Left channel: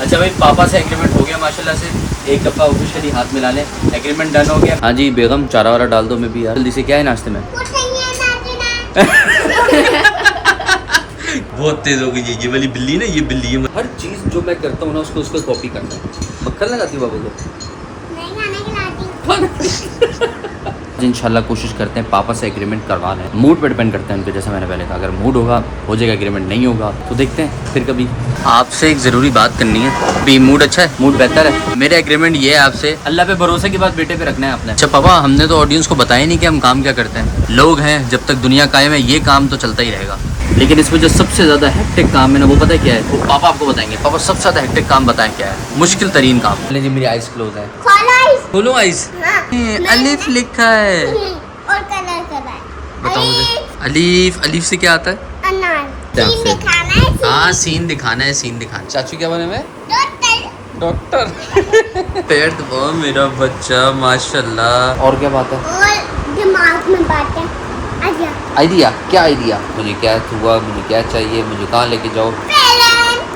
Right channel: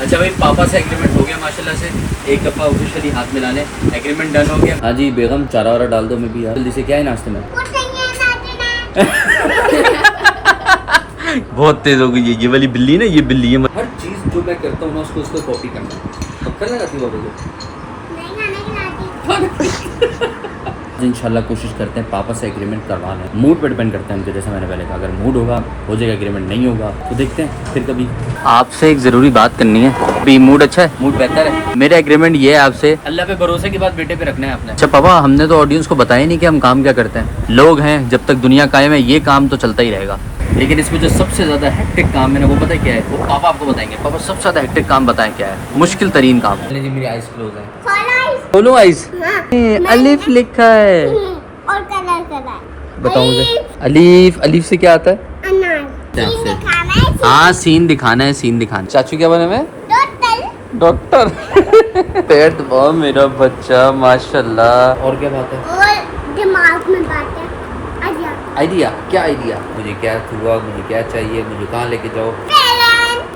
अच्छा भाई, पापा से एग्रीमेंट हो गया माशाल्लाह से, एक दफ़ा ऑफिशियली हाथ मिला लें, एग्रीमेंट डन हो गया। हाँ जी बेगम, चारा वारा डाल दो मैं भी यार जल्दी से। क्या है नाश्ते में? बहुत तेज हो गई ये वाली बिल्ली ना, ये बिल्ली है। हर चीज़ जो मैं करता हूँ ना उसको उसको कॉपी करना है। मक्खन लगाती हूँ बाबू को? इंशाल्लाह कोशिश करते हैं पापा से एग्रीमेंट करवा लें। मूड पर डिपेंड करते हैं उनके, जैसा मैंने पहले कहा, अगर मूड होगा हो जाएगा एग्रीमेंट, नहीं होगा तो देखते हैं फिर कभी। आपसे एक ज़रूरी बात करनी है। भी मूड अच्छा है, मूड बेहतर है। मेरा एग्रीमेंट ये है आपसे, अल्लाह पे भरोसे की बात बेटे पे रखना है आपने। अच्छा पापा, हमने तो ऑडियंस को बताया नहीं कि हम काम क्या करते हैं। लोग हैं, जब तक दुनिया कायम है ये काम तो चलता ही रहेगा, लेकिन इसमें जो सबसे ज़्यादा हेक्टिक काम है ना वो पता है क्या है? वो पापा आपको बताएंगे। पापा सबसे ज़्यादा हेक्टिक काम बताएं क्या है, मुश्किल तरीन काम। जी मेरी आइज क्लोज है। खोलो आइज। अलिफ लिखा है और कलर बताओ मुझे। अलीफ, अलीफ से क्या आता है? आपसे हाँ सीन दिखाना है, सीन दिखाना। चाचू क्या बने में? डॉक्टर। पेट बहुत मेरा बच्चा माशाल्लाह। और क्या बात है? और दिमाग में बातें। आइडिया क्या? आइडिया मुझे क्या हुआ, मुझे क्या चाहिए, मुझे कहाँ लेके जाओ?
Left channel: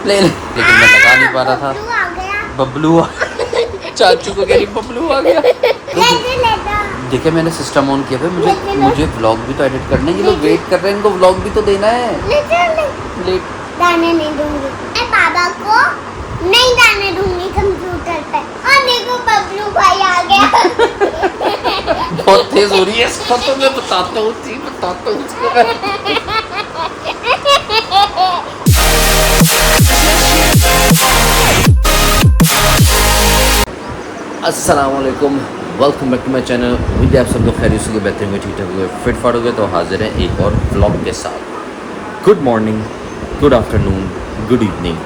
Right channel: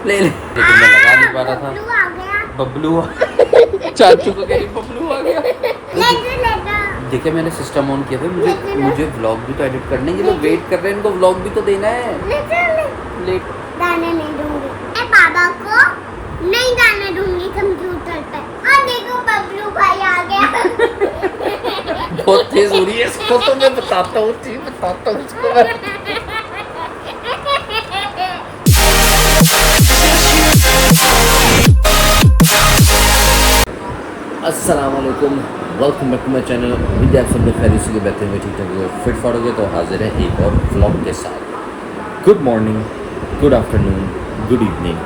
ले लेकिन मैं लगा नहीं पा रहा था। बबलू चाचू को कह रही बबलू आ गया। देखिए मैंने सिस्टम ऑन किया भाई, मुझे व्लॉग भी तो एडिट करने के लिए वेट कर रहे हैं, इनको व्लॉग भी तो देना है। लेट गाने नहीं दूंगी मैं पापा को, नहीं गाने दूंगी कंप्यूटर पे। और देखो बबलू भाई आ गया। बहुत तेज हो रही है इसको तो मैं बताता हूँ अस्सलामुअलैकुम, welcome back to my channel. उम्मीद है आप सब लोग खैरियत से बेहतर होंगे, ठीक ठाक होंगे, फिट फाट होंगे। तो हाजिर हैं एक और व्लॉग के साथ। Good morning, good afternoon, good evening,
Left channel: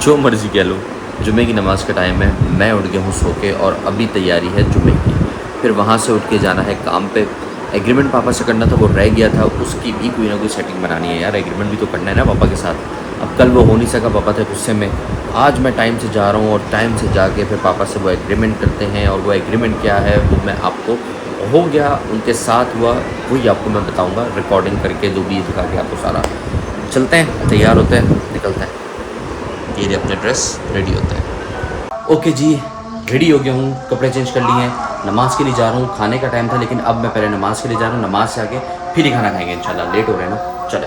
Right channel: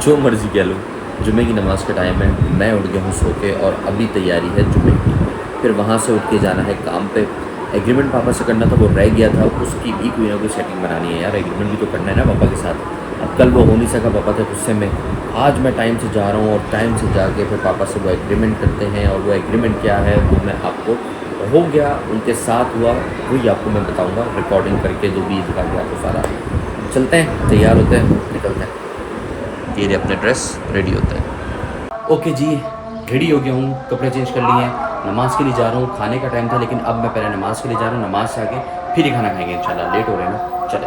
जो मर्ज़ी कह लो। जुमे की नमाज़ का टाइम है, मैं उठ गया हूँ सो के और अभी तैयारी है जुमे की। फिर वहाँ से उठ के जाना है काम पे। एग्रीमेंट पापा से करना था, वो रह गया था, उसकी भी कोई ना कोई सेटिंग बनानी है यार। एग्रीमेंट भी तो करना है ना पापा के साथ। अब कल वो हो नहीं सका, पापा थे गुस्से में। आज मैं टाइम से जा रहा हूँ और टाइम से जाके फिर पापा से वो एग्रीमेंट करते हैं। और वो एग्रीमेंट क्या है वो मैं आपको, हो गया उनके साथ हुआ वही आपको मैं बताऊँगा, रिकॉर्डिंग करके जो भी दिखा के आपको सारा। चलते हैं, तैयार होते हैं, निकलते हैं। ये अपने ड्रेस रेडी होते हैं। ओके जी, रेडी हो गया हूँ, कपड़े चेंज कर लिए हैं, नमाज़ के लिए जा रहा हूँ। खाने का टाइम था लेकिन अब मैं पहले नमाज़ के लिए जा रहा हूँ, नमाज़ से आके फिर ही खाना खाएंगे इंशाल्लाह। लेट हो रहे हैं ना, चले।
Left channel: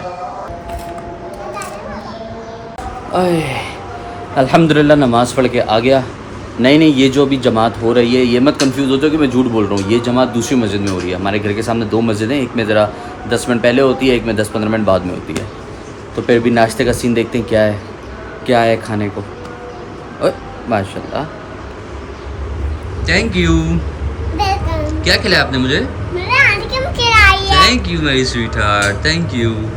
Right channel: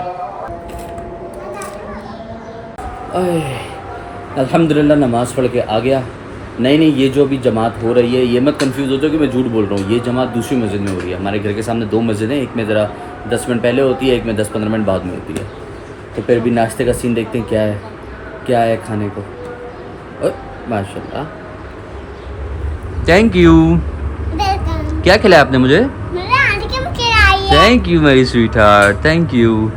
अल्हम्दुलिल्लाह नमाज़ पढ़ के आ गया। नहीं ये जो अभी जमात हो रही है, ये मत कंफ्यूज हो जाओ कि मैं झूठ बोल रहा हूँ। ये जमात दूसरी मस्जिद में हो रही है। हमारे घर के सामने दो मस्जिद हैं, एक में ज़रा 10 मिनट पहले होती है, एक में 10-15 मिनट बाद में होती है। तो फिर भी नाश्ते का सीन देखते हैं क्या है खाने को। माशाल्लाह, थैंक यू। क्या खिलाया आपने मुझे? थैंक यू मेरी स्वीट हार्ट, थैंक यू।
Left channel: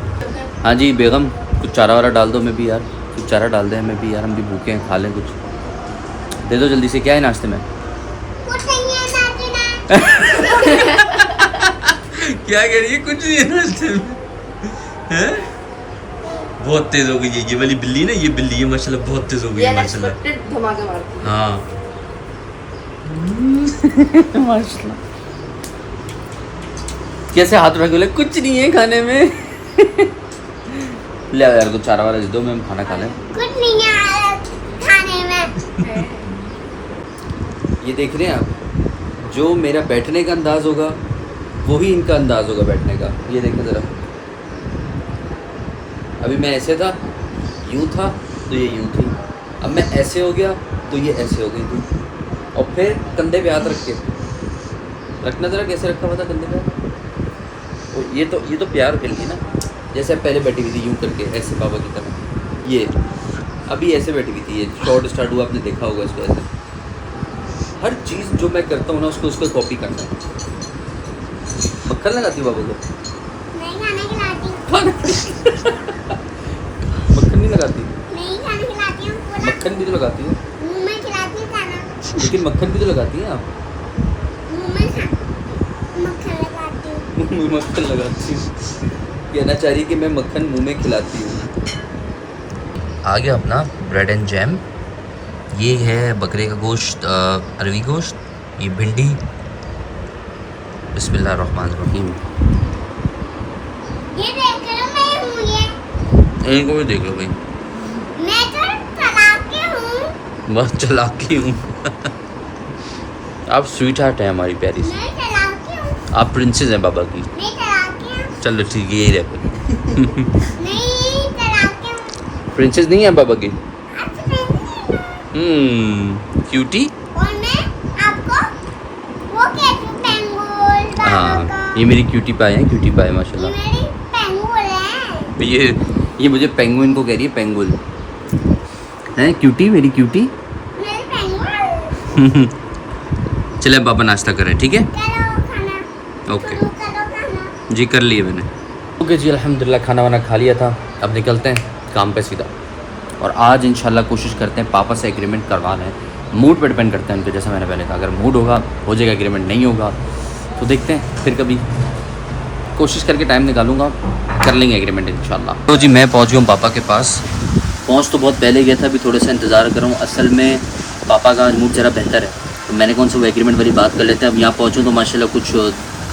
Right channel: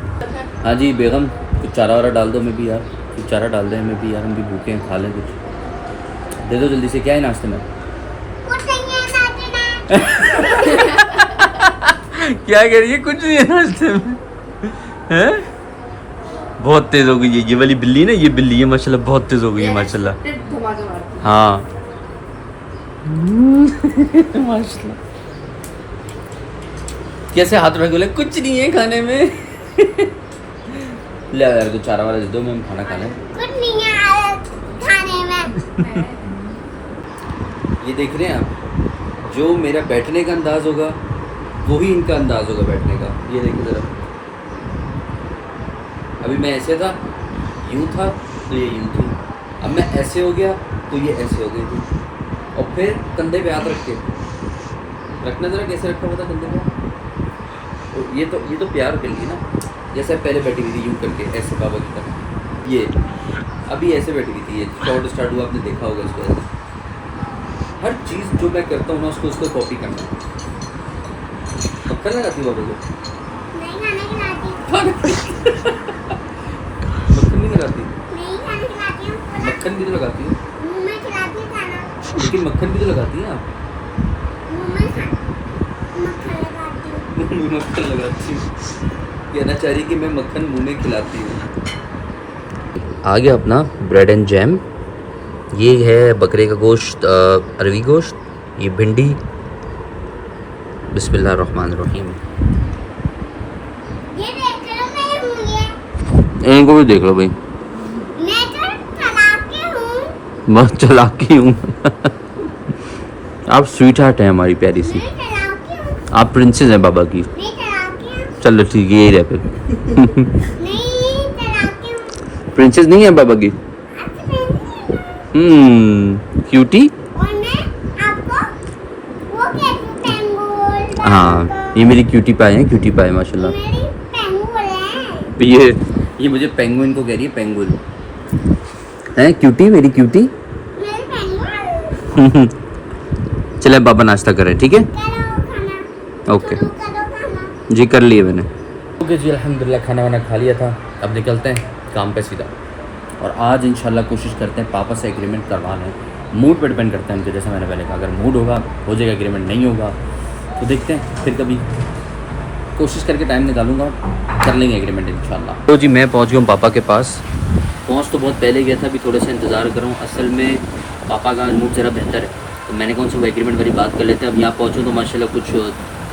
हाँ जी बेगम, कुछ चारा वारा डाल दो मैं भी यार, कुछ चारा डाल दें मैं भी यार, हम भी भूखे हैं, खा लें कुछ। दे दो जल्दी से। क्या है नाश्ते में? क्या कह रही है? कुछ नहीं है नाश्ते में हैं? बहुत तेज हो गई ये वाली बिल्ली ना, ये बिल्ली है माशाल्लाह, बहुत तेज हो गई है माशाल्लाह। हाँ माशाल्लाह। कैसे हाथ रख बोले कुछ नहीं है खाने में। ले यार कुछ चारा वाला दे दो, मैं हम खाना खा लें। कुछ नहीं है खाने में। ये देख रहे हैं आप, जो मेरा बैठने का अंदाज़ होगा वही इनका अंदाज़ होगा बैठने का। ये देखें ज़रा, अभी मैं ऐसे था, यूँ था तो ये यूँ थी, अब मैं ऐसे हो गया तो ये ऐसे हो गई थी। और फिर कंधे पे हाथ रख के रखना, ज़रा कैसे रखा हुआ था कंधे पे। और ये तो प्यार कर ली ना, जैसे पहले बैठी हुई थी यूँ करके ऐसे बाबा की तरह। ये अभी ऐसे बैठी हुई थी, ये शॉर्ट स्टार्ट हुआ, आपने देखा होगा इसको ऐसे। हर चीज़ जो मैं करता हूँ ना उसको उसको कॉपी करना है। मक्खन लगाती हूँ बाबा को? नहीं खाने खिलाती मक्खन नहीं लगाती? नहीं खाने खिलाती हूँ। मक्खन भी तो लगाती है। मुंह में खिलाती हूँ खाना। लेकिन मक्खन भी तो लगाती हैं आप। मुंह में मक्खन लगाती हूँ। मुंह में मक्खन लगाती हूँ, कहना चाह रही कि मैं मक्खन मुंह में खिलाती हूँ। आ गया अपना ब्रेड एंड जैम। ये है बकरे का गोश्त, अरवी गोश्त, ये भिंडी। बिस्मिल्लाहिर्रहमानिर्रहीम। ये देख लो मैं हूँ ये। इनको भी देख लो भाई। मैं तो तालाब की हूँ। मस्त चलाती हूँ। आप स्वीट हार्ट हैं हमारी प्यारी सी। नहीं चलाती हूँ। आप प्रिंसेस हैं बाबा की। नहीं चलाती हूँ। चलो ठीक है, यही रहे फिर। नहीं चलाती हूँ। प्रिंसेस नहीं है बाबा की। अच्छा नहीं। क्यूटी। और मैं आपको वो कैसे पेंगुल बाबा हाँ, का। ये मेरी क्यूटी पाई है, क्यूटी पाई ये माशाल्लाह। मेरी पेंगुल है। ये मुझे पेंगुइन को कह रही है, पेंगुल है क्यूटी, मेरी क्यूटी। मेरी पेंगुल। चले पापा नाश्ता करें, ठीक है। करो खाना। ओके शुरू करो खाना। जी, कर लिए मैंने। ओके जी, अल्हम्दुलिल्लाह खाना वाना खा लिया था। अब निकलते हैं काम पे सीधा। और आज इंशाल्लाह कोशिश करते हैं पापा से एग्रीमेंट करवा लें। मूड पे डिपेंड करते हैं उनके, जैसा मैंने पहले कहा, अगर मूड होगा हो जाएगा एग्रीमेंट, नहीं होगा तो देखते हैं फिर कभी कोशिश करके टाइम निकालूंगा, कर लेंगे एग्रीमेंट इंशाल्लाह। तो जी मैं पहुंच गया हूँ पापा के पास। पहुंच तो बहुत पहले गया था, अभी थोड़ा सा इंतज़ार कर रहा हूँ। असल में पापा का मूड ज़रा बेहतर है, तो मैंने कौन सा वो एग्रीमेंट वाली बात कर लेते हैं। अब यहाँ पहुँचूँ तो माशाल्लाह कुछ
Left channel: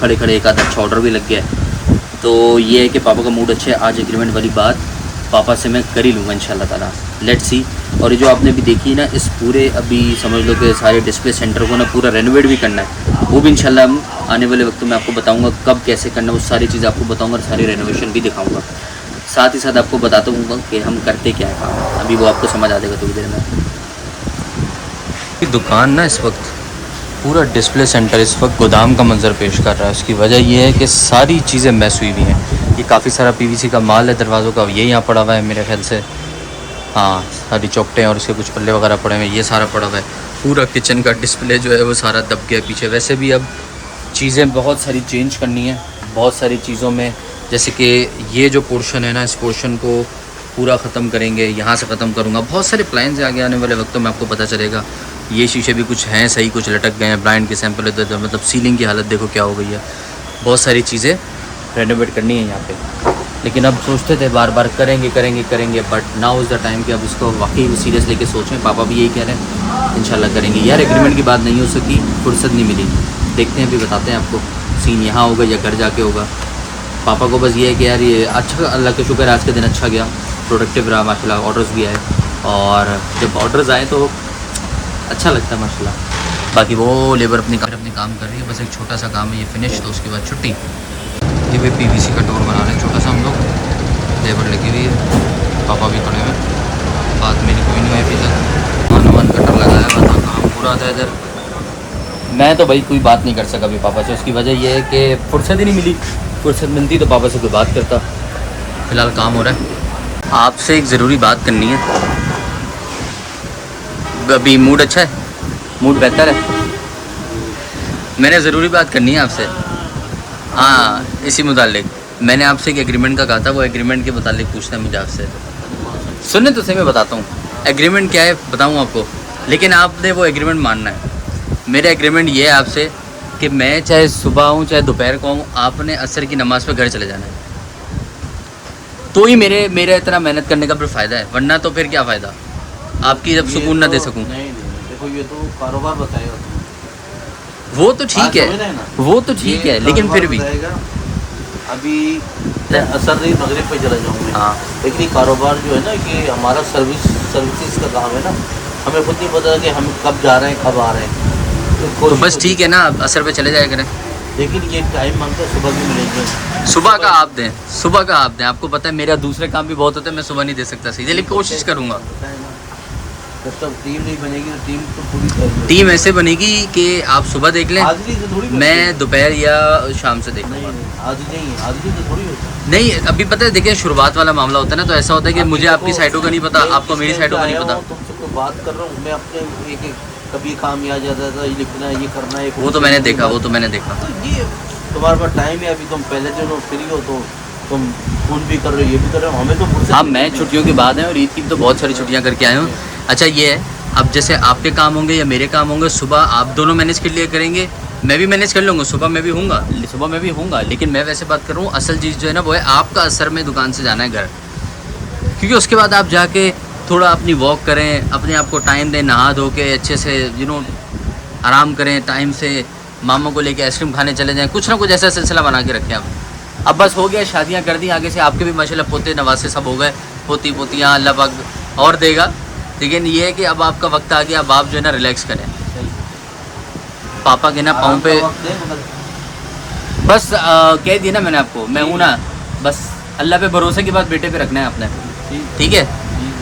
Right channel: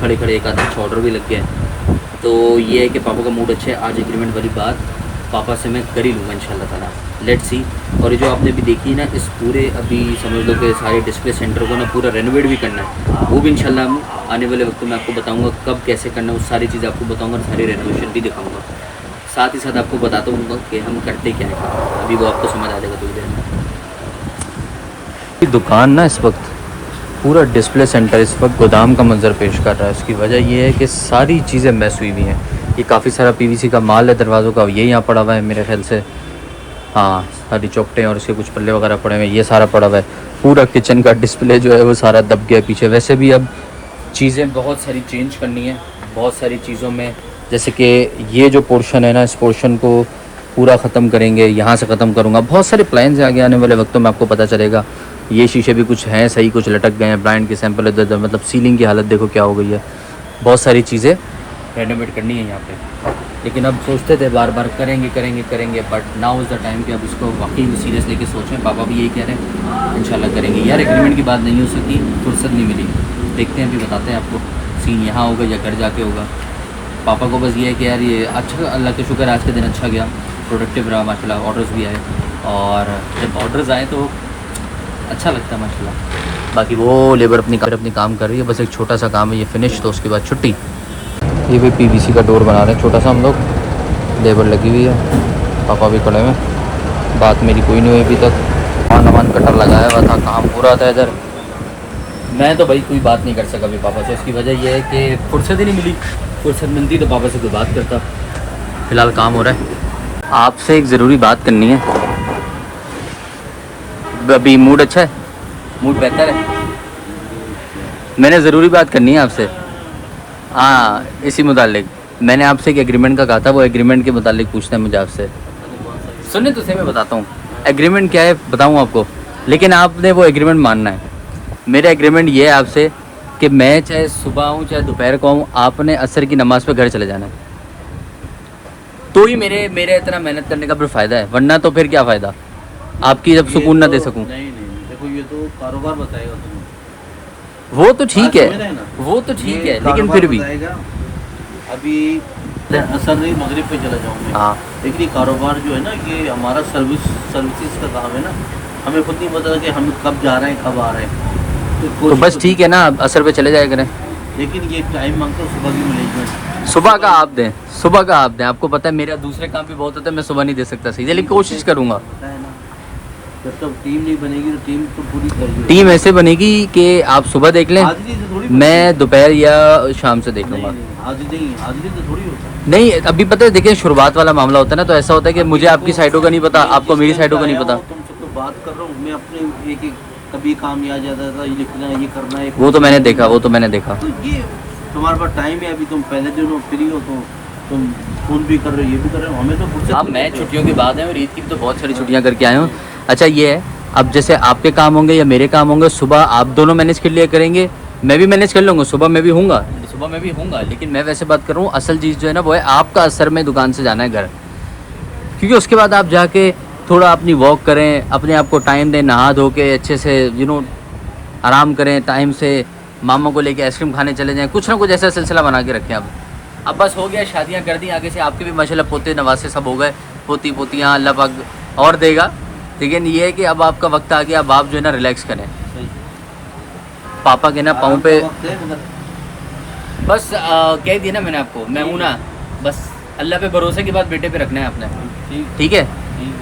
खड़े खड़े एक आधा अच्छा ऑर्डर भी लग गया है। तो ये है कि पापा का मूड अच्छा है, आज एग्रीमेंट वाली बात पापा से मैं कर ही लूँगा इंशाल्लाह ताला। Let's see. और ये जो आपने भी देखी ना, इस पूरे अभी समझ लो कि सारे डिस्प्ले सेंटर को ना पूरा रेनोवेट भी करना है, वो भी इंशाल्लाह हम आने वाले वक्त में आपको बताऊंगा कब कैसे करना है, वो सारी चीज़ें आपको बताऊंगा और सारी रेनोवेशन भी दिखाऊंगा। साथ ही साथ आपको बताता हूँ कि हम करते क्या है काम, अभी वो आपको समझ आ जाएगा थोड़ी देर में। दुकान ना इस वक्त पूरा डिस्प्ले सेंटर इस वक्त गोदाम का मंजर पेश कर रहा है। उसकी वजह यह है कि सारी चीज़ें मैस हुई हुई हैं। ये काफ़ी सारा पीवीसी का माल है दरवाज़ों का, ये यहाँ पड़ा हुआ है मेरे ख्याल से। हाँ, सारी चौकटें और इसके कुछ पल्ले वगैरह पड़े हुए हैं, ये सारा पड़ा हुआ है। पूरा किचन का डिस्प्ले जो है वो सारा दब गया पीछे। वैसे भी अब चीज़ें बहुत सारी चेंज करनी है, बहुत सारी चीज़ों में, जैसे कि ये जो पोर्शन है ना, इस पोर्शन को पूरा ख़त्म करेंगे, यहाँ से ख़त्म करूँगा। बहुत सारे प्लान्स आगे आने वाले वक्तों में आपको पता चलेगा। ये शीशे भी कुछ हैं सही, कुछ लटक गए हैं, ब्लाइंड के सैंपल इधर, मतलब सीलिंग की हालत देखो क्या हो गई है। बहुत सारी चीज़ें रेनोवेट करनी है यहाँ पे, लेकिन अब सोचते थे बार बार करेंगे करेंगे करेंगे, but now is the time कि अब इसको वाकई में सीरियस लेके सोच रहे हैं। पापा भी यही कह रहे हैं इंशाल्लाह करेंगे। यार एग्रीमेंट की बात नहीं हो सकी, फुर्सत नहीं मिली। देखते हैं, अभी बताते हैं आपको सीन यहाँ होगा या घर जाके होगा। पापा को बस ये है कि यार ये अच्छा, अल्लाह का शुक्र है आज का दिन अच्छा गया, प्रोडक्टिव रहा माशाल्लाह, ऑर्डर्स भी आए, और जब ऑर्डर्स आए तो अच्छा लगता है माशाल्लाह। बाकी वो लेबर अपनी काम कर रही है, बस एक छोटा सा काम है, ये फिनिश तो उसके बाद छुट्टी। ये भी पीवीसी का डोर बना रहे हैं छोटा सा हम लोग, लेबर लगी हुई है, पापा भी खड़े हैं। बात मेरी कोई नहीं हुई अभी तक, मान कटर लगाया हुआ था, काम पूरा था इधर। मैं तो भाई कोई बात नहीं कर सका अभी पापा से, उसकी वजह यह है कि फुर्सत ही नहीं मिली। फुर्सत मिलती तो पापा से कोई बात करता। फ़िलहाल काम हो रहा है। आपसे एक ज़रूरी बात करनी है। अभी मूड अच्छा है, मूड बेहतर है, मैंने ज़रूरी बात करनी है आपसे। हाँ, इसी मुतालिक मैंने आपसे एक एग्रीमेंट का कहा था, वो एग्रीमेंट के मुतालिक पूछना है मुझे आपसे। सुनने तो सही, मैं बताता हूँ एग्रीमेंट क्या है, बताऊँ आपको, लेकिन आपने वो एग्रीमेंट मानना है। मेरा एग्रीमेंट ये है आपसे कि मैं चाहे सुबह आऊँ चाहे दोपहर को आऊँ, आपने असर की नमाज़ पे घर चले जाना है, तो ही मेरा इतना मेहनत करने का फिर फ़ायदा है, वरना तो फिर क्या फ़ायदा, आपकी जब सुकून ना दे सकूँ। नहीं, देखो ये तो कारोबार बताएगा तुम्हें। वो तो ठीक है, समझ रहे हैं ना? वो तो ठीक ये है, लेकिन कारोबार फिर भी बताएगा। अभी असर नहीं, मगरिब पे चला जाऊंगी। हाँ, लेकिन ये कारोबार जो है ना, कि हमारा सर्विसेज का काम है ना, हमें खुद नहीं पता कि हम कब जा रहे हैं कब आ रहे हैं। तो कोशिश बस ठीक है ना, असर पे चले जाया करें। लेकिन ये टाइम मांगता है, सुबह भी मिलेंगे। सुबह का आप दें, सुबह का आप दें। आपको पता है मेरा दूसरे काम भी बहुत होता है, मैं सुबह नहीं दे सकता सीधे, लेकिन कोशिश करूँगा। पता है ना, जब तक टीम नहीं बनेगी तो टीम तो पूरी करेगी। टीम ऐसे बनेगी कि आप सुबह देख लें, हाजिरी से थोड़ी मैं दोपहर या शाम से देख लूँगा। हाजिरी तो थोड़ी होता है। नहीं, अभी पता है देखिए शुरुआत वाला मामला होता है ना, तो ऐसा होता है कि मुझे आपकी साइडों का नहीं पता, आपको मेरी साइडों का नहीं पता। तुमसे तो बात कर रहा हूँ मैं अपने, एक कभी काम याद जाता था, ये लिखना है, ये करना है। वो तो मैंने देखा, वो तो मैंने देखा। तो ये तुम्हारे पास टाइम है, अभी तुम पहले दिन हो, फ्री हो, तो तुम स्कूल भी कर रहे हो, ये भी कर रहे हो, हमें तो फुर्सत हाँ, नहीं मैं मिलती। छुट्टियों की बात है, और ईद की तो बहुत सारी छुट्टियां करके आया हूँ। अच्छा ये है, अब जैसे आपके काम होंगे या मेरे काम होंगे, सुबह आप दोनों मैनेज कर लिया करेंगे, मैं भी मैनेज कर लूँगा, सुबह मैं भी हूँगा, लेकिन मैं वैसे बात कर रहा हूँ, असल चीज़ जो है ना वो है आपका असर में दुकान से जाना है घर, क्योंकि उसके बाद आप जाके थोड़ा अपनी वॉक करें, अपने आप को टाइम दें, नहा धो के अच्छे से आराम करें, टाइम से मामा को लेके आइसक्रीम खाने चले जाएं, कुछ ना कुछ ऐसा सिलसिला बना के रखें। अब बस हो गया, शादियां कर दी, आगे से आपके भी माशाल्लाह पोते नवासे सब हो गए, पोती पोतियाँ अल्लाह पाक और देगा, लेकिन ये है कि अब आपका वक्त आ गया, अब आप जो है ना रिलैक्स करें। पापा के ना पाँव पे बस कह दिया ना मैंने आपको, मैं हूँ ना, बस अल्लाह पे भरोसे की बात बेटे पे रखना है आपने, ठीक है।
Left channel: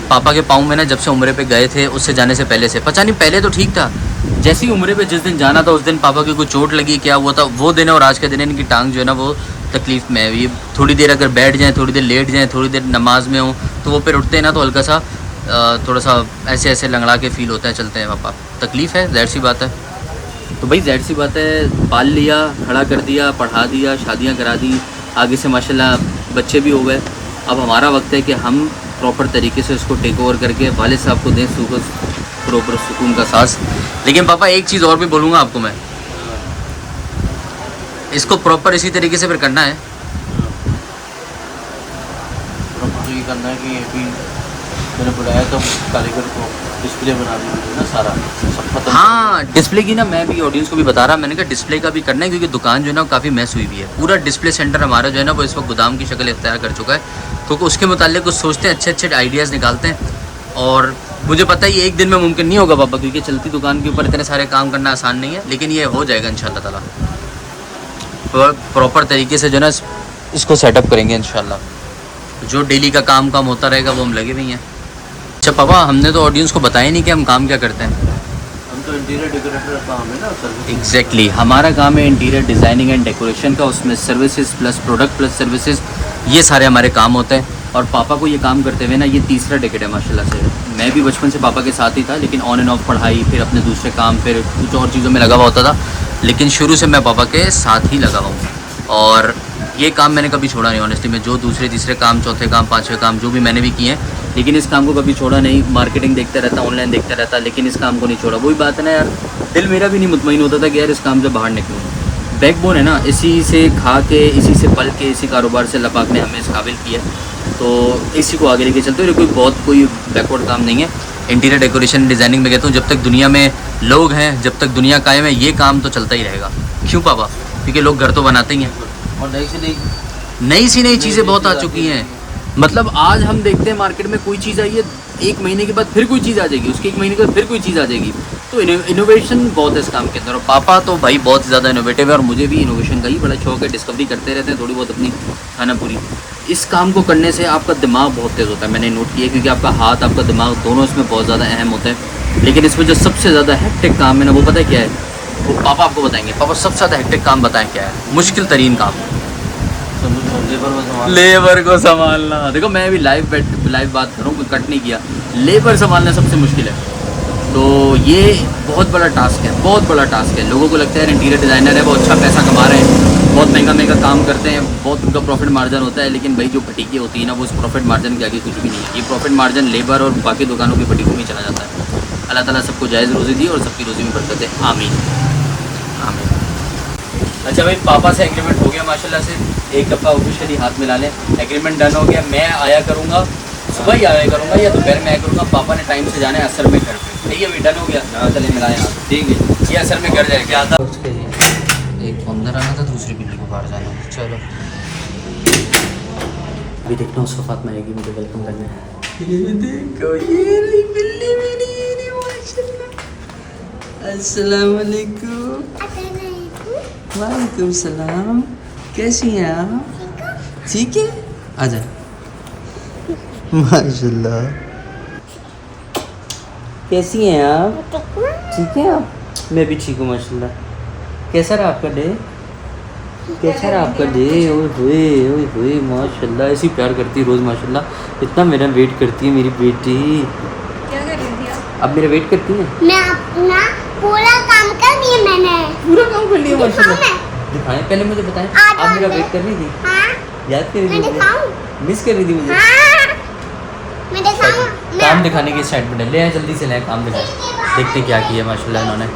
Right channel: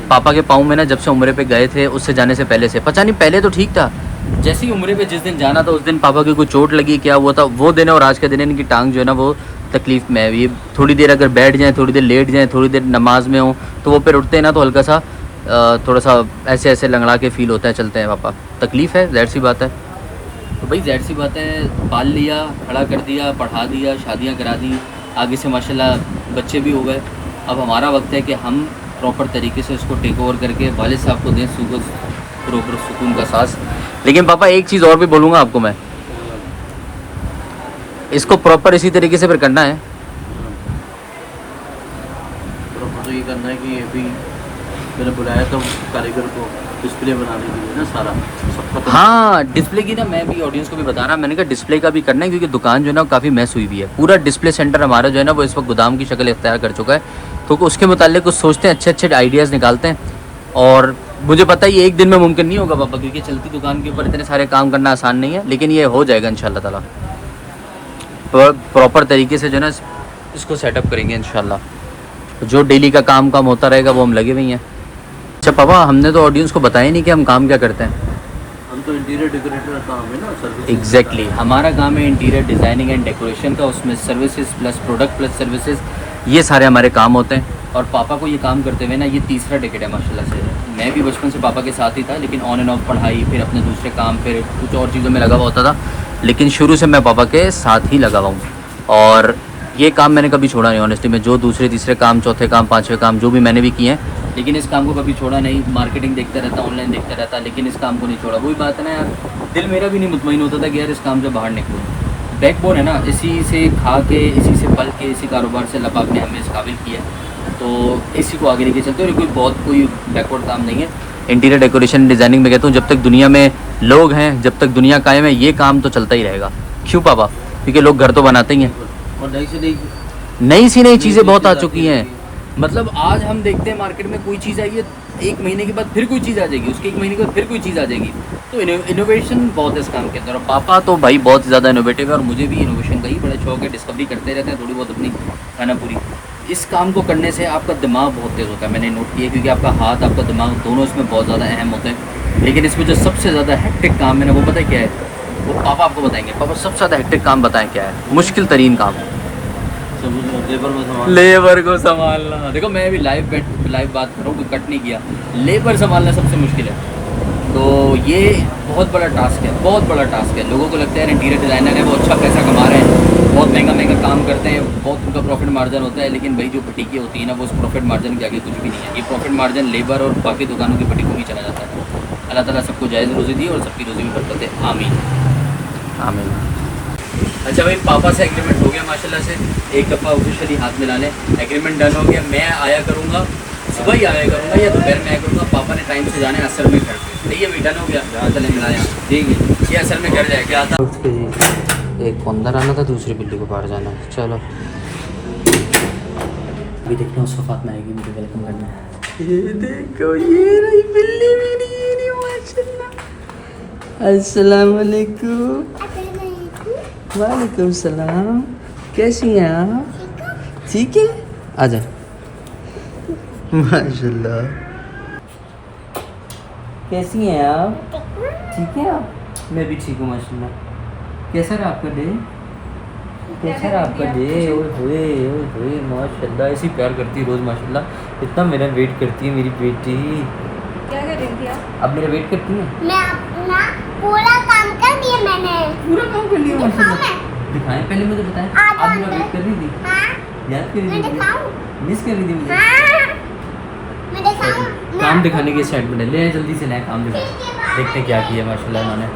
पापा के पाँव में ना जब से उम्रे पे गए थे उससे जाने से पहले से, पता नहीं पहले तो ठीक था, जैसे ही उम्रे पे जिस दिन जाना था उस दिन पापा की कोई चोट लगी, क्या हुआ था वो दिन और आज के दिन इनकी टांग जो है ना वो तकलीफ़ में है। ये थोड़ी देर अगर बैठ जाएँ, थोड़ी देर लेट जाएँ, थोड़ी देर नमाज में हो तो वो फिर उठते हैं ना तो हल्का सा थोड़ा सा ऐसे ऐसे लंगड़ा के फील होता है, चलते हैं पापा, तकलीफ़ है, ज़ाहिर सी बात है। तो भाई ज़ाहिर सी बात है, पाल लिया, खड़ा कर दिया, पढ़ा दिया, शादियाँ करा दी, आगे से माशाल्लाह बच्चे भी हो गए। अब हमारा वक्त है कि हम प्रॉपर तरीके से उसको टेक ओवर करके वालिद साहब को दें प्रॉपर सुकून का सांस। लेकिन पापा एक चीज़ और भी बोलूँगा आपको मैं, इसको प्रॉपर इसी तरीके से फिर करना है। तो ये करना है कि अभी मैंने बुलाया तो कारीगर को डिस्प्ले बना दी है ना सारा सबका। हाँ डिस्प्ले की ना मैं भी ऑडियंस को भी बता रहा, मैंने कहा डिस्प्ले का भी करना है क्योंकि दुकान जो है ना काफ़ी मैस हुई हुई है। पूरा डिस्प्ले सेंटर हमारा जो है ना वो इस वक्त गोदाम की शक्ल इख्तियार कर चुका है, तो उसके मुताल्लिक कुछ सोचते हैं, अच्छे अच्छे आइडियाज़ निकालते हैं। और मुझे पता है ये एक दिन में मुमकिन नहीं होगा पापा, क्योंकि चलती दुकान के ऊपर इतने सारे काम करना आसान नहीं है, लेकिन ये हो जाएगा इंशाल्लाह ताला। प्रॉपर तरीके से जो है ना इसको सेटअप करेंगे इंशाल्लाह। जो डेली का काम होता रहेगा वो हम लगे हुए हैं। अच्छा पापा, हमने तो ऑडियंस को बताया नहीं कि हम काम क्या करते हैं। हम तो इंटीरियर डेकोरेटर का काम है ना सर्विस। एग्जैक्टली हमारा काम है इंटीरियर डिज़ाइनिंग एंड डेकोरेशन का, उसमें services plus product plus services, ये सारे हमारे काम होते हैं। और पापा को ये काम करते हुए ना ये तीसरा डेकेड है माशाल्लाह से। मैं भी बचपन से पापा के साथ ही था, लेकिन ऑन एंड ऑफ पढ़ाई, फिर अपने दूसरे काम, फिर कुछ और चीज़ों में लगा हुआ होता था, लेकिन शुरू से मैं पापा के साथ ही लगा हुआ हूँ। और ये काम मैंने कभी छोड़ा नहीं ऑनेस्टली। मैं जो दूसरे तीसरे काम, चौथे काम, पाँचवें काम जो भी मैंने भी किए हैं, लेकिन इस काम को कभी छोड़ा नहीं। मार्केटिंग देखता रहता, ऑनलाइन देखता रहता, लेकिन इस काम को नहीं छोड़ा। वही बात है ना यार, दिल मेरा भी नहीं मुतमईन होता था कि यार इस काम से बाहर निकलूँ। बैकबोन है ना, इसी से खा के, इसी से पल के, इसी कारोबार से अल्लाह पाक ने हमें इस काबिल किया है, तो इसी को आगे लेके चलते हैं। कोई बैकवर्ड काम नहीं है। इंटीरियर डेकोरेशन डिज़ाइनिंग में कहता हूँ जब तक दुनिया में लोग हैं, जब तक दुनिया कायम है, ये काम तो चलता ही रहेगा। क्यों पापा? क्योंकि लोग घर तो बनाते ही हैं, और नई सी नई चीज़ें बहुत आ चुकी हैं। मतलब आज हम देखते हैं मार्केट में कोई चीज़ आई है, एक महीने के बाद फिर कोई चीज़ आ जाएगी, उसके एक महीने के बाद फिर कोई चीज़ आ जाएगी। तो इनोवेशन बहुत है इस काम के अंदर। और पापा तो भाई बहुत ज़्यादा इनोवेटिव है, और मुझे भी इनोवेशन का ही बड़ा शौक है। डिस्कवरी करते रहते हैं थोड़ी बहुत अपनी खाना पूरी। इस काम को करने से आपका दिमाग बहुत तेज़ होता है, मैंने नोट किया, क्योंकि आपका हाथ, आपका दिमाग दोनों इसमें बहुत ज़्यादा अहम होते हैं। लेकिन इसमें जो सबसे ज़्यादा हेक्टिक काम है ना, वो पता है क्या है? वो पापा आपको बताएंगे। पापा सबसे ज़्यादा हेक्टिक काम बताएं क्या है? मुश्किल तरीन काम, लेबर को संभालना। देखो मैं भी लाइव बात करूँ, कोई कट नहीं किया, लेबर संभालना सबसे मुश्किल है। तो ये बहुत बड़ा टास्क है, बहुत बड़ा टास्क है। लोगों को लगता है इंटीरियर डिज़ाइनर है, वो अच्छा पैसा कमा रहे हैं, बहुत महंगा काम करते हैं, बहुत उनका प्रॉफिट मार्जिन होता है। लेकिन भाई जो फटीकी होती है ना, वो उस प्रॉफिट मार्जिन के आगे कुछ भी नहीं है। ये प्रॉफिट मार्जिन लेबर और बाकी दुकानों की फटीकों में चला जाता है। अल्लाह ताला सबको जायज़ रोज़ी दी और सबकी रोज़ी में बरकत है, आमीन आमीन। अच्छा भाई, पापा से एग्रीमेंट हो गया माशाल्लाह से, एक दफ़ा ऑफिशियली हाथ मिला लें, एग्रीमेंट डन हो गया। मैं आया करूँगा, सुबह ही आया करूँगा या दोपहर में आया करूँगा। पापा ने टाइम से जाना है असल में घर पे। सही है भाई, डन हो गया। हाँ चले मिलाएं आप, ठीक है। ये असल में घर जाए क्या आता, एक को अंदर आना था, दूसरी बिल्ली को बाहर जाना। चलो अभी देखना उस वक्त में आएगी मुझे वेलकम करना है। ये देखो, ये रही बिल्ली मेरी, ये रही माशाल्लाह। अस्सलाम वालेकुम। वालेकुम सलाम। कैसी हैं आप? ठीक है, आजा। माशाल्लाह, कैसी हैं आप? ठीक है आप? मैं भी ठीक हूँ माशाल्लाह। कैसा रहा आपका डे? कैसा रहा आपका डे? ओए माशाल्लाह, ऐसी प्यार करती है रोज़ माशाल्लाह। इतना मेरा वेट करती है मेरी बेटी। क्या कर रही थी आप? अब मेरा वेट करती है? मैं अपना पूरा काम कर दिया, मैंने पूरा काम कर लिया माशाल्लाह। दिखाएं, पहले मुझे बताएं, आप मेरा वेट कर रही थी? हाँ, याद कर रही थी? मिस कर रही थी मुझे? मैं दिखाऊं? काम दिखाने की साइड में ले आए, जल्दी से लाए, काम दिखाएं। देखते क्या किया माशाल्लाह इन्होंने।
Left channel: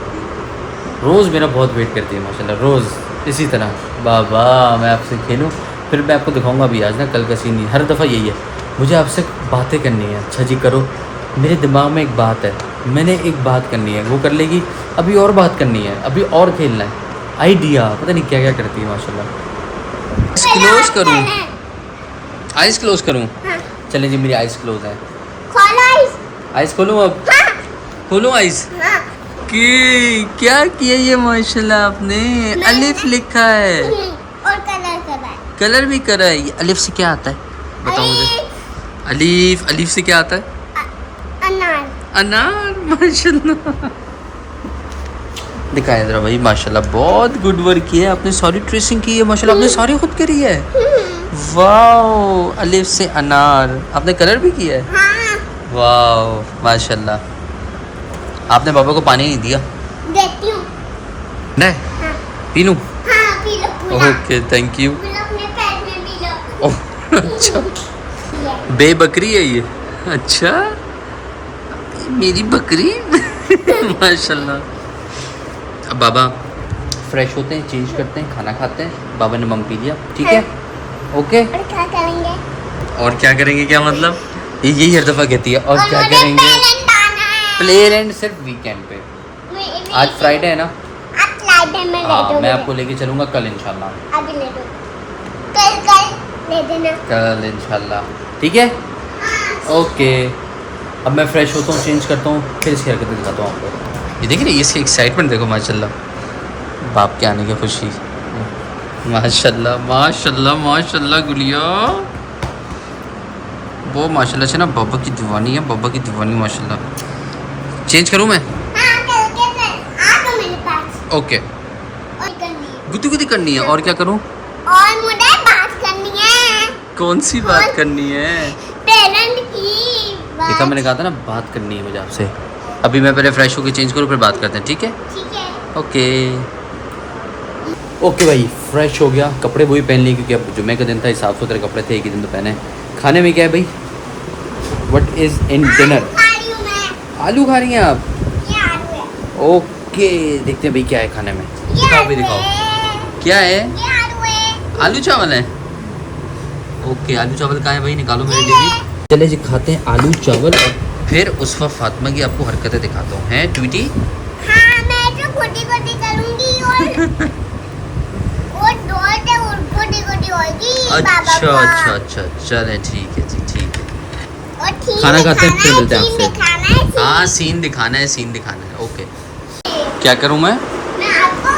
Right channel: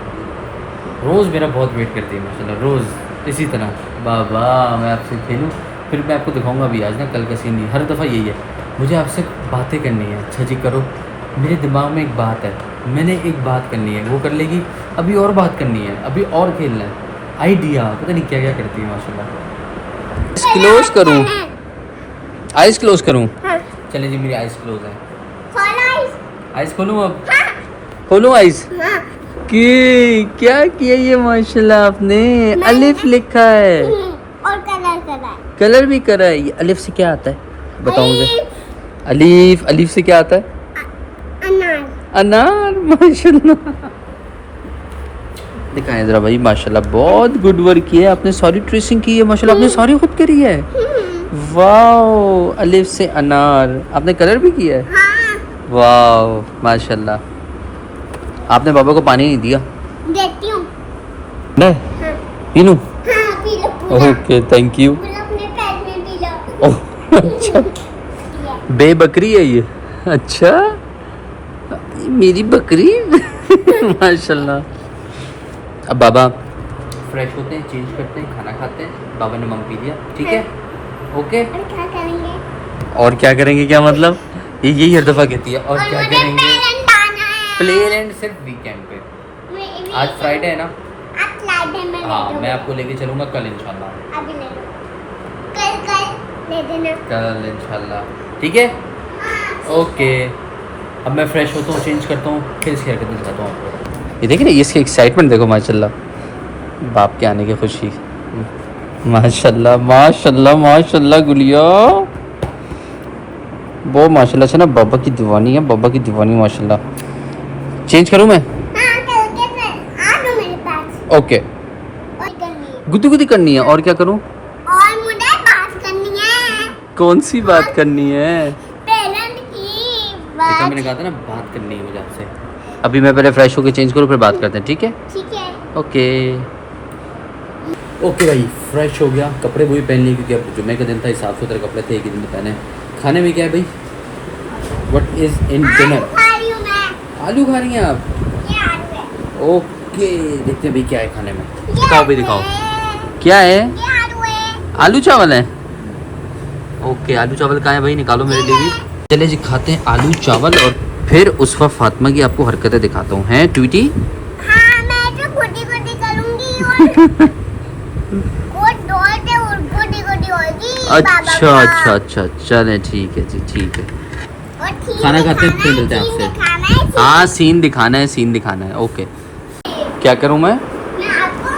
रोज़ मेरा बहुत वेट करती है माशाल्लाह, रोज़ इसी तरह। बाबा मैं आपसे खेलूँ, फिर मैं आपको दिखाऊंगा भी आज ना, कल का सीन नहीं। हर दफ़ा यही है, मुझे आपसे बातें करनी है। अच्छा जी करो, मेरे दिमाग में एक बात है, मैंने एक बात करनी है, वो कर लेगी, अभी और बात करनी है, अभी और खेलना है, आइडिया पता नहीं क्या क्या करती है माशाल्लाह। क्लोज करूँ, आइज़ क्लोज करूँ? चले जी, मेरी आइज़ क्लोज है। आइस खोलूं अब? खोलूं आइस? हाँ। कि क्या किया ये माशाल्लाह आपने? अलिफ लिखा है, और कलर करा है। कलर भी करा है। ये अलिफ से क्या आता है बताओ मुझे? अलिफ, अलिफ से क्या आता है? अनार। अनार। माशाल्लाह, दिखाएं जरा भाई। माशाल्लाह बहुत गुड वर्क किया है आपने, सारी ट्रेसिंग की है माशाल्लाह, आपने सारी खुद करी है। वाओ, अलिफ से अनार, आपने कलर भी किया है। हाँ। वाओ माशाल्लाह। आपने बाबा को पानी नहीं दिया? देती हूँ। नहीं, पी लूं? हाँ, पी लो पूरा। Okay thank you. पूरा अपने पेट में पी लो। अच्छा, बेबकरी है ये? अच्छा, ये मेरी बकरी। माशाल्लाह। अब बाबा फ्रेश होते हैं, चेंज करते हैं, खाना खाते हैं। बाबा ने मम पी लिया, ठीक है? ओके। और क्या करेंगे? और क्या करेंगे क्या मतलब? ये यही हर दफ़ा कहती है, और क्या मुझे करेंगे? पेरेंट आना है। प्ले एंड सिर्फ वीकेंड पे। आज फ्राइडे है ना? आज फ्राइडे में ले हाँ, दो। मैं आपको लेके चलूँगा कल इंशाल्लाह। आज ले दो। कल ले देना। कल इंशाल्लाह, ठीक है? ओके। अब मैं फ्रेश होता हूँ, चेंज करता हूँ, फिर इसकी हरकतें दिखाता हूँ आपको। ये देख रहे, इसकी एक्साइटमेंट देखो माशाल्लाह, बाप के आने की खुशी। माशाल्लाह माशाल्लाह माशाल्लाह गुलिया, वो माशाल्लाह से ना बाबा की दीवानी है, बाबा की दीवानी माशाल्लाह। चेंज करूँ मैं? हाँ, कल आ दो मेरे पास। ओके। और करनी है। गुद्दी गुद्दी करनी है, और क्या करूँ? और मुझे बात करनी है। कौन सी बात करनी है? पेरेंट की। देखा, मैंने कहा था ना बात करनी है मुझे आपसे। अभी मैं पहले फ्रेश होकर चेंज करूँ, फिर बात करते हैं, ठीक है? ठीक है। ओके। ओके भाई, फ्रेश हो गया, कपड़े वही पहन लिए क्योंकि अब जुम्मे का दिन था, साफ़ सुथरे कपड़े थे, एक ही दिन तो पहने। खाने में क्या है भाई? What is in dinner? खा रही हूँ मैं। आलू खा रही हैं आप? ये आलू है। ओके, देखते हैं भाई क्या है खाने में। ये दिखाओ भाई, आलू दिखाओ है। क्या है। ये आलू है। आलू चावल है? ओके, आलू चावल कहाँ है भाई? निकालो मेरे लिए भी। चले जी, खाते हैं आलू चावल, और फिर उस वक्त फातिमा की आपको हरकतें दिखाता हूँ। हैं ट्वीटी? हाँ, मैं तो गोटी-गोटी करूँगी और डोर से गोटी-गोटी होगी बाबा अच्छा का। अच्छा अच्छा, चले ठीक है जी, ठीक है। और ठीक खाना खाते हैं, फिर है, मिलते हैं सीन आपसे। दिखाना है, सीन। हाँ, सीन दिखाना है, सीन दिखाना है। ओके, क्या करूँ मैं? मैं आपको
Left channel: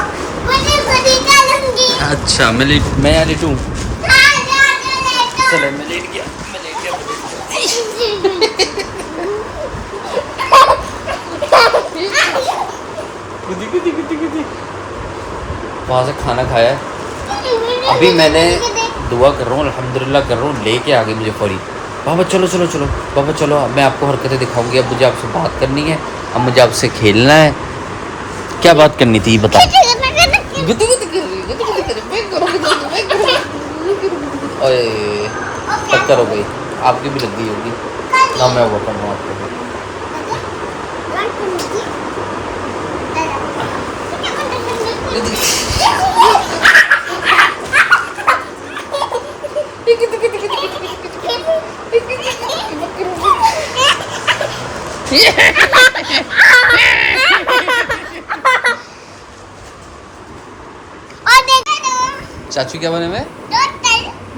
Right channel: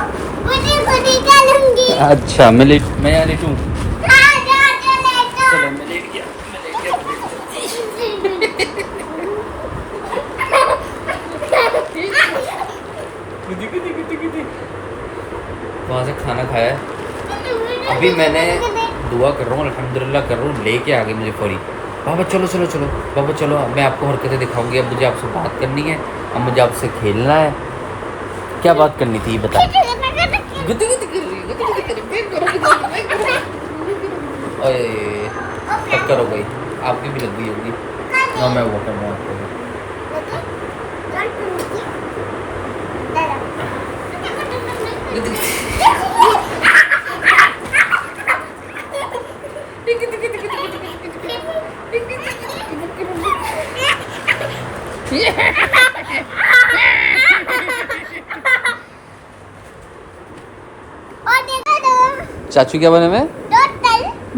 गोटी-गोटी करूँगी। अच्छा, मैं लेटूँ? हाँ, जा लेटो। चलो, मैं लेट गया। वहाँ से खाना खाया है। अभी मैंने दुआ कर रहा हूँ, अल्हम्दुलिल्लाह कर रहा हूँ, लेके आ गई मुझे फड़ी। बाबा चलो चलो चलो, बाबा चलो, अब मैं आपको हरकतें दिखाऊंगी। अब मुझे आपसे बात करनी है, अब मुझे आपसे खेलना है। क्या बात करनी थी बता। अरे टक्कर हो गई, आपकी भी लग गई होगी ना। मैं हुआ था आपको भी। चाचू क्या बने में?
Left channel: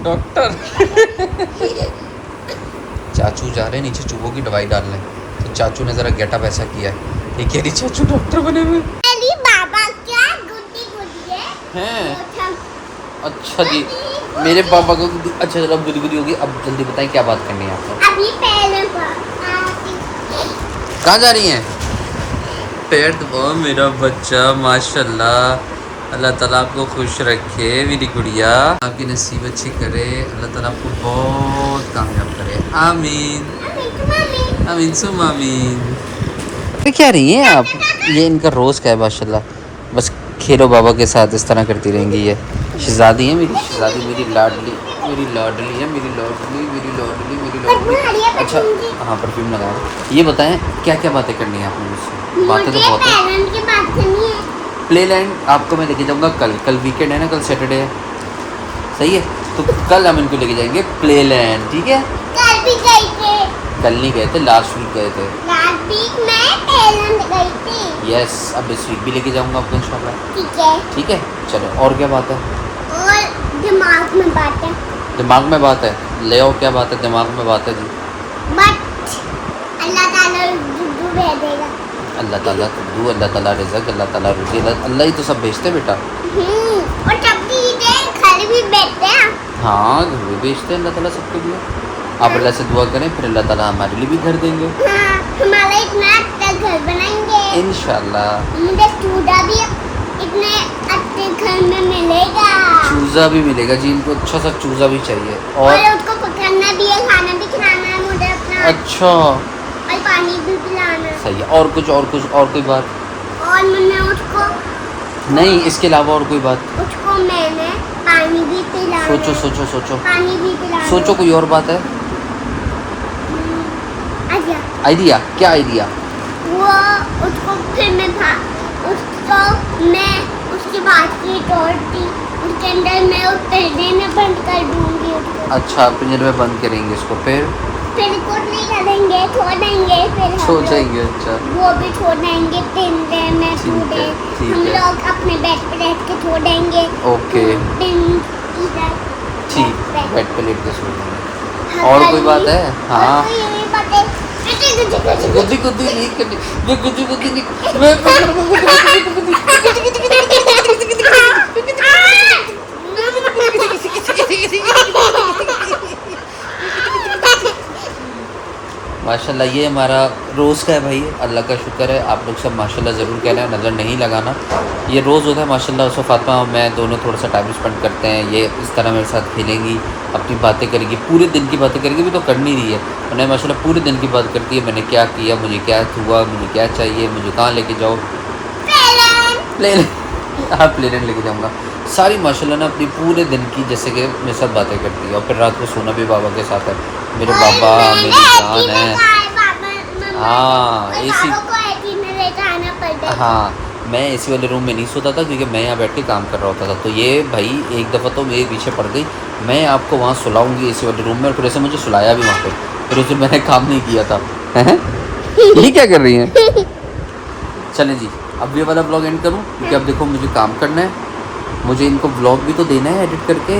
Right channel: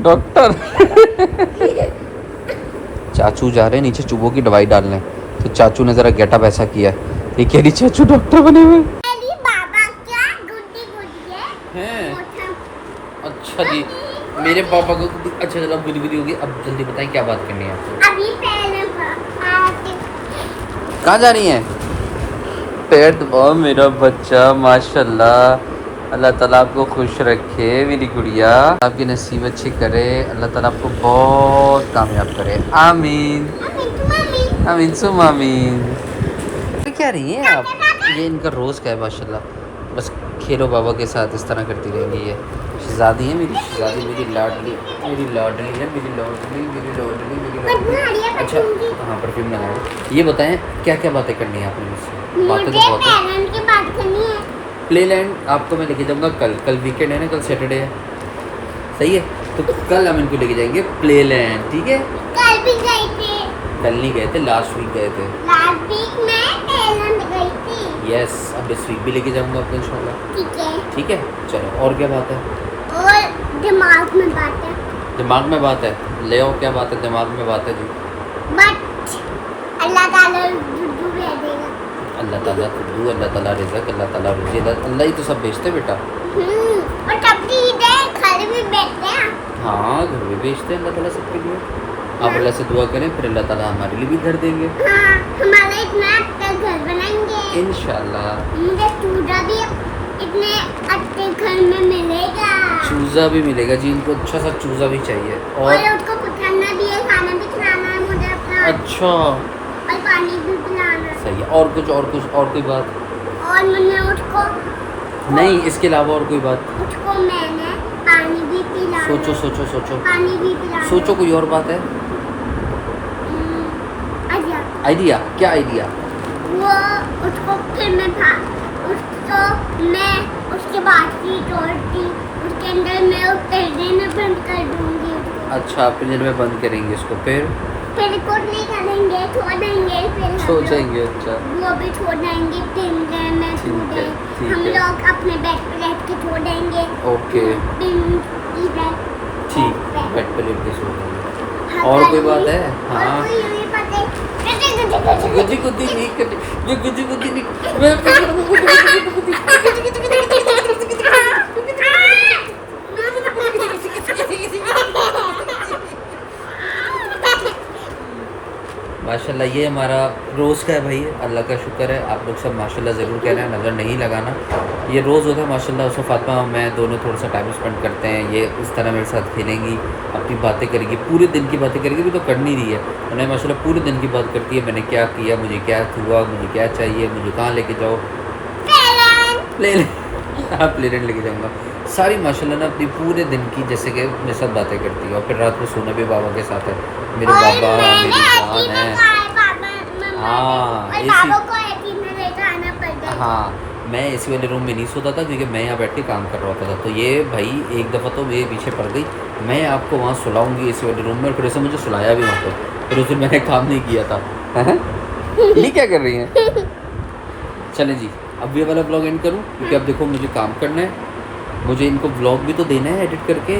डॉक्टर। चाचू जा रहे हैं नीचे चूहों की दवाई डालने, तो चाचू ने जरा गेटअप ऐसा किया है, ये कह रही चाचू डॉक्टर बने हुए बाबा क्या गुड्डी गुड्डी है हैं। अच्छा जी, मेरे पापा को अच्छा चलो, अब गुदी होगी। अब जल्दी बताएं क्या बात करनी है आपको? अभी पहले कहाँ जा रही हैं? पेट दबाओ मेरा बच्चा, माशाल्लाह। अल्लाह ताला आपको खुश रखे मेरी गुड़िया, आपकी नसीब अच्छी करे, अल्लाह ताला आपको बहुत कामयाब करे। आमीन आमीन सुम आमीन। क्या रही हैं आप? ये इनका रोज़ का है माशाल्लाह। बस खेलो बाबा के साथ, इस तरह करती रहेंगी ये। शहजादी है मेरी, शहजादी मेरी लाडली, मेरी लाडली है, मेरी लाडली, मेरी लाडली, मेरी लाडली। अच्छा हाँ, परफ्यूम लगाया। ये बताएं क्या क्या बातें करनी है आपने मुझसे? बातें तो बहुत है। पेरेंट की बात करनी है। प्लेलैंड आपको मैं लेके जाऊंगा कल वीकेंड है ना, कल सैटरडे है, सही है? तो कल हम इनको लेके जाएंगे प्लेलैंड, ठीक है? कल भी गई थे। कल नहीं गए थे, लास्ट वीक गए थे। लास्ट वीक में पेरेंट गई थी। यस, अब इस वीक भी लेके जाऊंगा आपको इंशाल्लाह, ठीक है। ठीक है? चलो, और क्या बात है? और दिमाग में बात है। दिमाग में बात है? ले आओ, क्या बात है? दिमाग में बात है जी। बट अल्लाह ताला दुद्धू भेजेगा। अल्लाह ताला खुदू, अल्लाह ताला रिज़्क़, अल्लाह ताला रुज़ी, अल्लाह ही तो सब भेजते बेटा। और तब घर भी बैठते हैं। हाँ, घर भी भेजते हैं अल्लाह ताला सबके लिए। आप अल्लाह से दुआ करें, फिर अल्लाह ताला हमारे लिए भी घर देंगे हाँ, हमारा इतना अच्छा घर बनाएंगे इंशाल्लाह। मुझे चूड़ा भी इतने अच्छे घर में मिलेगा चूज़ा भी मिलेगा जी, इनको अच्छा सा चूज़ा भी चाहिए। और और उसको पकड़ना भी है, खाना भी खिलाना है मुझे अपना, अच्छा और पानी भी पिलाना है। सही है। और कुछ और कोई बात और मैंने उसको नहीं, इसके अलावा और कोई बात? उसको मैंने पानी भी पिलाना सोचो है, सोचो सोचो पानी भी पिलाना सोचो, है। कोई और बात है? अच्छा आइडिया, क्या आइडिया? वो उसको फिर उसको मैं उसके बाद की तोड़ती उसके अंदर मैं उस पर्दे में बंद कर दूंगी उसको। अच्छा, पिंजरे में बंद करेंगे इसको, फिर कुछ नहीं करेंगे, छोड़ेंगे, फिर हम सो लोग जाएंगे। अच्छा वो भी छोड़ेंगे, पिंजरे में ठीक है, छोड़े, ठीक हम है। लोग अपने बेड पे बैठ के छोड़ेंगे। ओके इधर ठीक, बेड पे। बेड पे लेट के सो जाएंगे। हाँ, और कर कोई बात ली। है? हाँ। और कोई यही बात है। गुजी गुजी नहीं करनी, मैं गुजी गुजी नहीं, मैं माशाल्लाह ये हमारा रोज़ का है भाई, अल्लाह का शुक्र है। आप लोग सब माशाल्लाह ज़रूर कहना है, नज़र नहीं लगाना। ये रोज़ होता है माशाल्लाह। उससे फातिमा और मैं दोनों थोड़ा सा टाइम स्पेंड करते हैं। ये इस तरह मेरे साथ खेलेंगी, अपनी बातें करेगी, पूरे दिन की बातें करेगी, भी तो करनी रही है उन्हें माशाल्लाह, पूरे दिन की बात करती है। मैंने क्या किया, मुझे क्या हुआ, मुझे क्या चाहिए, मुझे कहाँ लेके जाओ, ले हाँ प्लेन लेके जाऊँगा। सारी माशाल्लाह ना अपनी पूरे दिन की जैसे कि मेरे साथ बातें करती है। और फिर रात को सोना भी बाबा के साथ है। मेरे बाबा मेरी जान है। हाँ, एसी। हाँ, मैं एसी वाले रूम में नहीं सोता था क्योंकि मैं यहाँ बैठ के काम कर रहा होता था। तो ये भाई एक दफ़ा तो मेरे पीछे पड़ गई, मैं आपको वहाँ सुलाऊंगी एसी वाले रूम में, और फिर ऐसे मुझे सुलाया भी वहाँ पे, फिर उस दिन मैंने काम नहीं किया था। ये क्या कर रही हैं? चलें जी, अब ये वाला ब्लॉग एंड करूँ क्योंकि अब देखो मुझे काम करना है, मुझे इनको ब्लॉग भी तो देना है एडिट करके।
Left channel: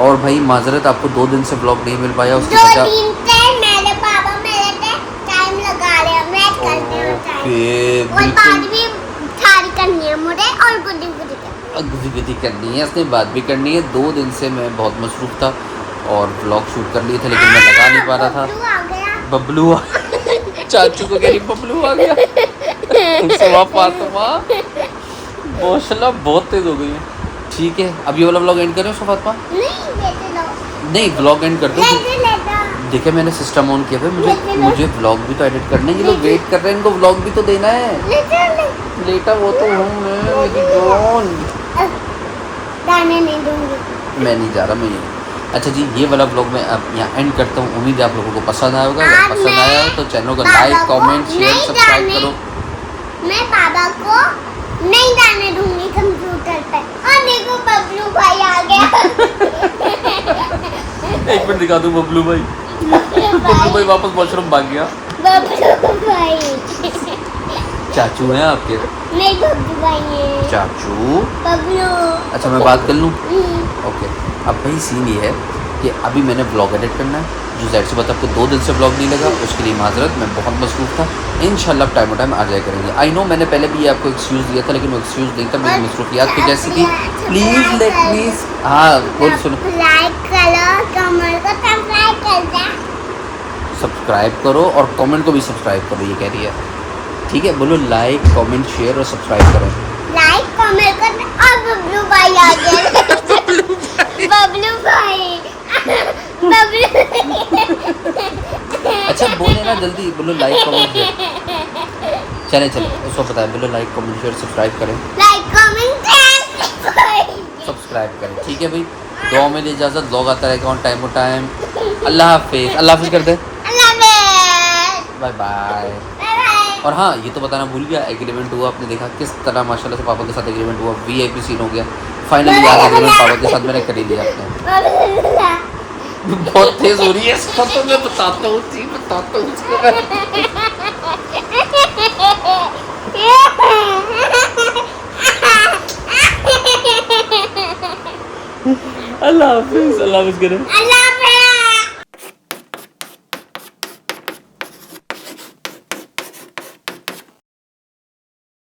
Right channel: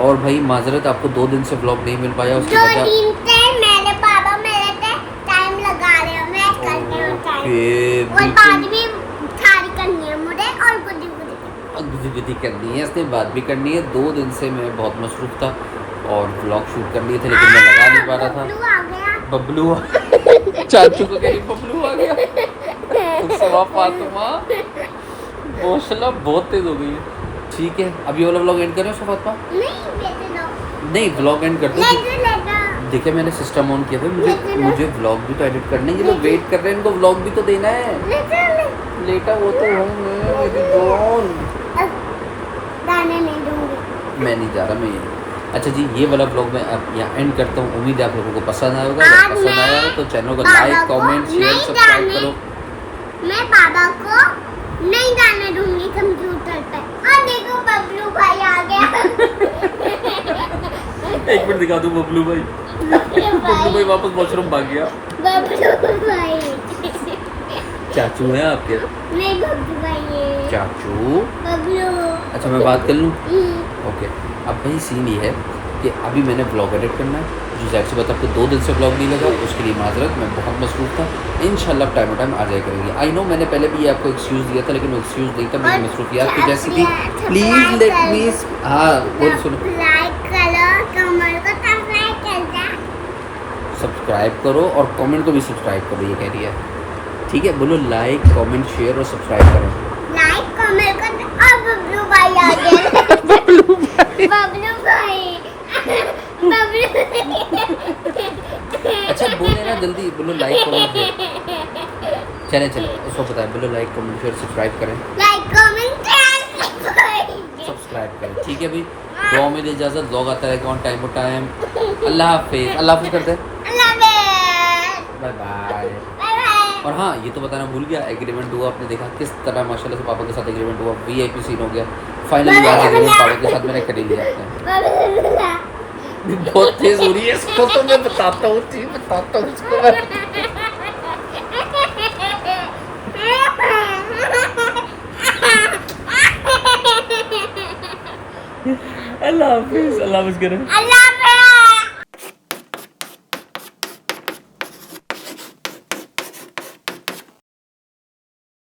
और भाई माजरत, आपको 2 दिन से ब्लॉग नहीं मिल पाया, उसकी वजह मेरे पापा मेरे पे टाइम लगा रहे हैं, मैं करते हैं टाइम, ओके और बात भी सारी करनी है मुझे, और गुदी गुदी करनी है, इसने बात भी करनी है। 2 दिन से मैं बहुत मसरूफ़ था और ब्लॉग शूट कर लिए थे, लेकिन मैं लगा नहीं पा रहा था। बबलू आ गया। चाचू को कह रही बबलू आ गया। माशाल्लाह बहुत तेज हो गई। ठीक है, अब ये वाला ब्लॉग एंड करें फातिमा? नहीं, ब्लॉग एंड कर दो। देखिए मैंने सिस्टम ऑन किया भाई, मुझे ब्लॉग भी तो एडिट करना है। ये लोग वेट कर रहे हैं, इनको ब्लॉग भी तो देना है। लेटा वो तो हूँ मैं, मेरी जान। मैं नहीं जा रहा, मैं यहीं। अच्छा जी, ये वाला ब्लॉग मैं अब यहाँ एंड करता हूँ। उम्मीद है आप लोगों को पसंद आएगा। अगर पसंद आया हो तो चैनल को लाइक, कमेंट, शेयर, सब्सक्राइब करो। मैं बाबा को नहीं जाने दूंगी कंप्यूटर पे। और देखो बबलू भाई आ गया। एक मिनट दिखा दूँ बबलू भाई। बबलू भाई वापस वॉशरूम भाग गया। बबलू भाई चाचू हैं आपके? नहीं, बबलू भाई है। चाचू बबलू। अच्छा मैं बात कर लूँ? ओके, अब भाई सीन ये है कि अभी मैंने ब्लॉग एडिट करना है, जो ज़ाहिर सी बात आपको 2 दिन से ब्लॉग नहीं लगा, उसके लिए माजरत, मैं बहुत मसरूफ़ था। इंशाल्लाह टाइम टाइम आ जाया करेंगे। आई नो मैंने पहले भी आपको एक्सक्यूज़ दिया था, लेकिन वो एक्सक्यूज़ नहीं था, मेरी मसरूफियात की जैसी थी। प्लीज़ लेट मी, हाँ बोल सुनो, लाइक करो, कमेंट को सब्सक्राइब कर दे। सब्सक्राइब करो और कमेंट को भी सब्सक्राइब करो, ये कह रही है। ठीक है, बोलो लाइक, कमेंट, शेयर और सब्सक्राइब करो। लाइक कमेंट कर। और बबलू भाई आ गया। बबलू भाई। बबलू। अच्छा बोले ना जल्दी, बोलो लाइक, कमेंट, शेयर। चले चले, उसको पता है, बोलो लाइक, कमेंट, शेयर, सब्सक्राइब करें। लाइक कमेंट सब्सक्राइब करें। ठीक है भाई, दुआ में इजाज़त, ब्लॉग आता रहेगा ऑन टाइम टाइम। अल्लाह हाफिज़, अल्लाह हाफिज़ कर दे, बाय बाय। और हाँ, ये तो बताना भूल गया, एग्रीमेंट हुआ, आपने देखा किस तरह माशाल्लाह से पापा के साथ एग्रीमेंट हुआ, VIP सीन हो गया। फाइनली यार एग्रीमेंट पापा के साथ मैंने कर ही लिया आपने। बहुत तेज हो रही है इसको, तो मैं बताता हूँ इसको मैं। अल्लाह हाफिज़, अल्लाह हाफिज़ करें।